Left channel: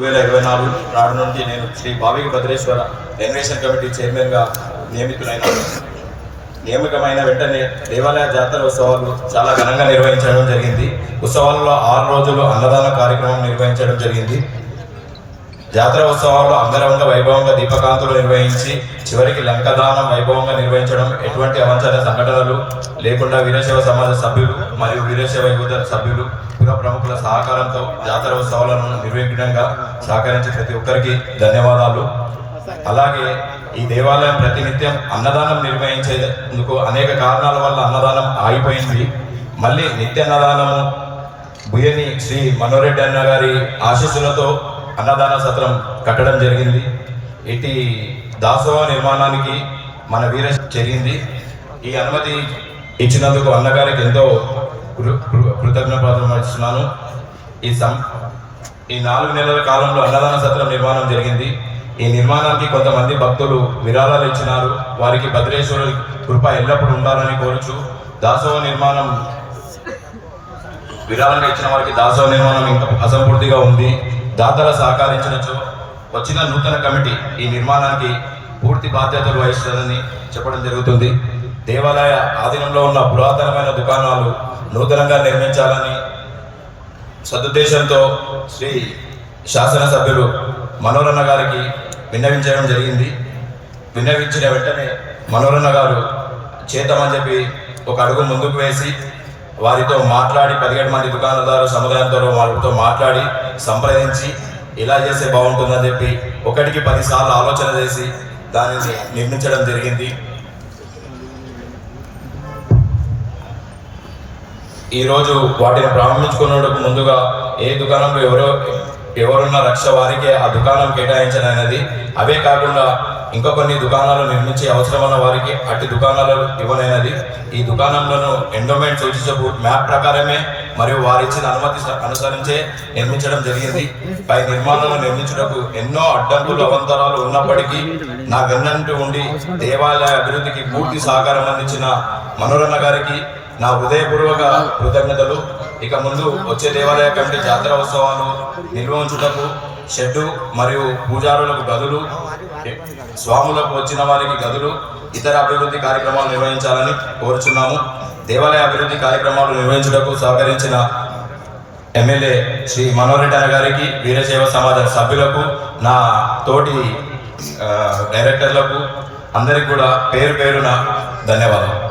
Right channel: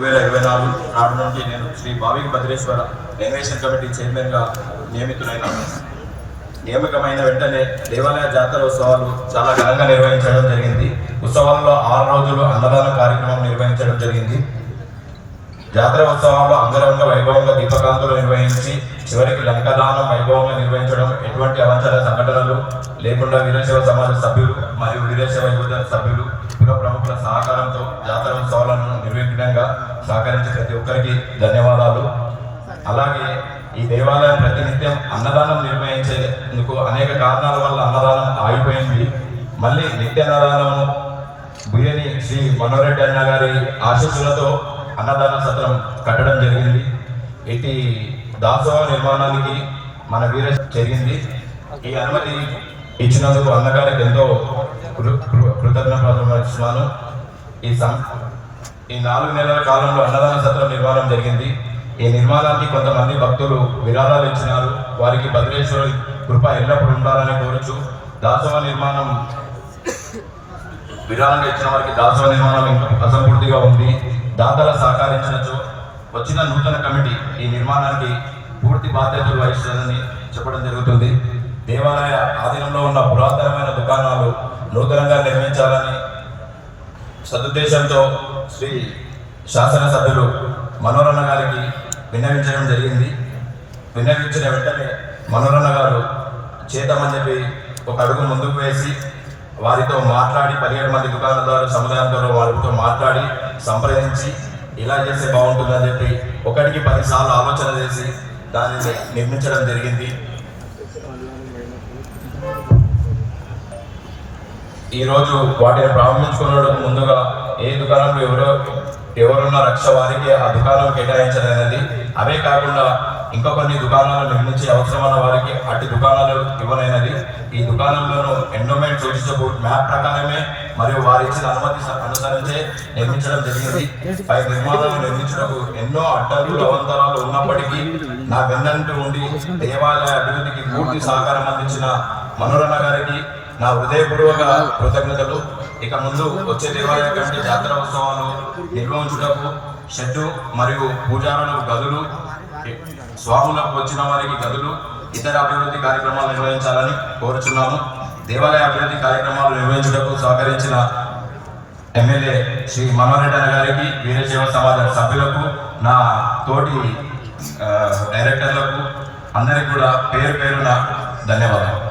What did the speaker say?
2024 నాడు నుండి నేను శ్రీ భావిక భద్రేశ్వర రెనోవేషన్ కమిటీ చైర్మన్గా నియమితమైన వెంటనే దేవాలయ జాతర ఉత్సవాలు చాలా ఘనంగా నిర్వహించడం జరిగింది. ఉత్సవాల్లో 6 రోజులు అన్నదాన కార్యక్రమం నిర్వహించడం జరిగింది. జాతర ఉత్సవాలు అంగరంగ వైభవంగా దీపకాంతులు నిర్వహించి చివరికి లంకదానం వైభవంగా నిర్వహించడం, ఎటువంటి అవాంఛనీయ సంఘటనలు లేకుండా వీరశైవ సమాజ సభ్యులు మరియు వీరశైవ యువత సభ్యులు పుర ప్రముఖుల సహకారంతో జాతర ఉత్సవాలను నిర్విఘ్నంగా సహకరించే ప్రతి ఒక్కరికి ధన్యవాదాలు. అలాగే ఈ దేవాలయం ప్రతినిత్యం అన్నదానం నిర్వహించేందుకు అనేక కారణాల వల్ల అన్నదానం ఆగిపోయింది. మళ్ళీ నిత్య అన్నదానం బుయ్యని శ్రీ మనోరెడ్డి అన్న గారి ఆశీస్సులతో అన్నదాన సత్రం కట్టడం జరిగింది. ఇటు దాసోహ నిర్మాణానికి మన వీర జరిగింది. ఈ అనుమతి ఇచ్చినందుకు అన్నగారికి ఎంతో కృతజ్ఞతలు వహిస్తున్నాను. ఈ 4 నెలల కాలంలో అన్నదాన సత్రం నిర్మాణం జరిగింది. ఈ నిర్మాణానికి కొంతమంది భక్తులు విరాళాలు ఇచ్చినారు. వారికి భద్రేశ్వరుడి కృప ఎల్లప్పుడూ ఉండాలని కోరుచు దాసోహ నిర్మాణం విరాళంగా ఇచ్చిన వారికి దాసోహ నిర్మాణం ఇంకా అసంపూర్తిగా ఉంది. దాతల సహకరించినచో వచ్చిన నూతన కమిటీ ఈ నిర్మాణానికి పూర్తి బాధ్యతలు వహిస్తుందని చెప్పడం జరుగుతుంది. దేవాలయ ఆధీనంలో ఉన్న పురాతనమైన దుకాణాలు నూతనంగా నిర్మించాలని సదుద్దేశంతో శ్రీ శాసనసభ్యులు మనోరన్న గారికి విన్నవించడం జరిగింది. విన్నవించిన వెంటనే మనోరన్న గారు చేద్దామని చెప్పి ఒక అడుగు ముందుకు వేసి వారితో మాట్లాడి 17 మంది దుకాణదారు సముదాయంతో వారితో మాట్లాడి సంప్రదించి ఇలా చేస్తే బాగుంటుందని చెప్పి 1కి 10 సార్లు ఆలోచన చేసి దానిని నిర్మించడం జరిగింది. ఈరోజు వాటిని ప్రారంభించుకున్నకు ముందుగా ఏ దుకాణంలో ఎవరున్న రక్ష వారికి ఆ దుకాణం కేటాయించనన్నది. అవే కాకుండా ఇంకా కొన్ని దుకాణాలు నిర్మించే అవసరమైన వారికి అట్టి దుకాణాలు ఇవ్వనైనది. ఈ దుకాణంలోనూ ఎండోమెంట్ సూచించే మ్యాప్ ప్రకారమే మరియు వారిచ్చిన అనుమతి అనుసరించే నిర్మించడం జరిగింది. పై నిర్మాణాలను నిర్మించడానికి ఎన్నో అడ్డంకులు అవంతరాలు ఉన్నప్పటికీ నా వెన్నంటూ ఉండి దేవాలయ అభివృద్ధికి పూర్తి సహకారం అందించిన మనోరన్న గారికి నా హృదయపూర్వక కృతజ్ఞతలు. ఇక ముందు వచ్చే దేవాలయ కమిటీ జాతర ఉత్సవాలు నిర్వహించుటకు షెడ్డు మరియు పూజారులకు గదులు, స్వాములకు వచ్చిన వారికి గదులు, ఇతర అభివృద్ధి కార్యక్రమాలు నిర్వహించాలని కోరుచున్నాము. దేవాలయ అభివృద్ధి కార్యక్రమాలు నిర్వహించుటకు సహకరించిన ఎమ్మెల్యే శ్రీ మనోరెడ్డి అన్న గారికి, వీరశైవ సమాజ సభ్యులకు, నా తోటి డైరెక్టర్లకు అందరికీ కూడా పేరు పేరున ధన్యవాదాలు.